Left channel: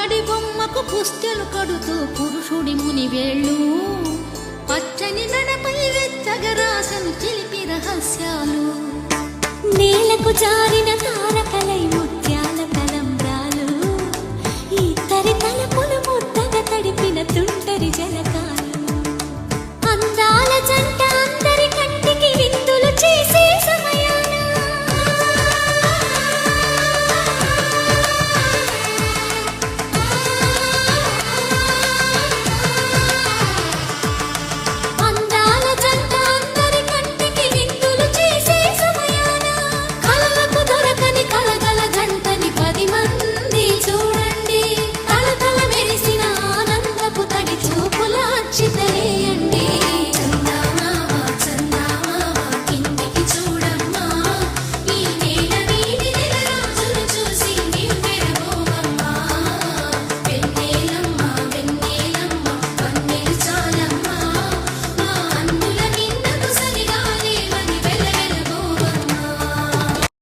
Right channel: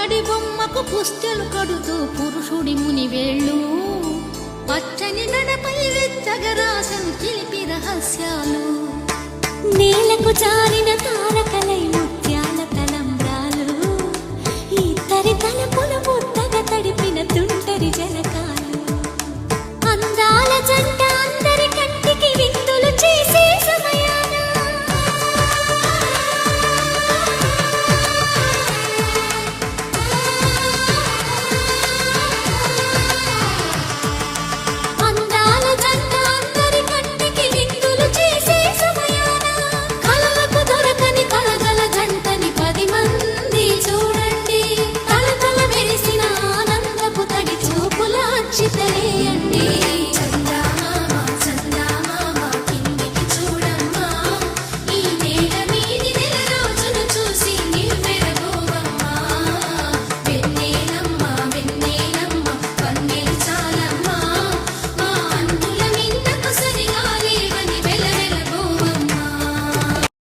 పుత్తడి బొమ్మకు పుస్తెలు కడుతూ పురుషుడి ముని వేళ్ళు పచ్చని నడపై వెచ్చగరాసను చిలిపి రహస్యాలు నేలకు జారిన తారకలై ముత్యాల తలంబ్రాలు ఇద్దరి తలపులు ముద్దగా తడిపిన తుంటరి జలకాలు అందాల జంట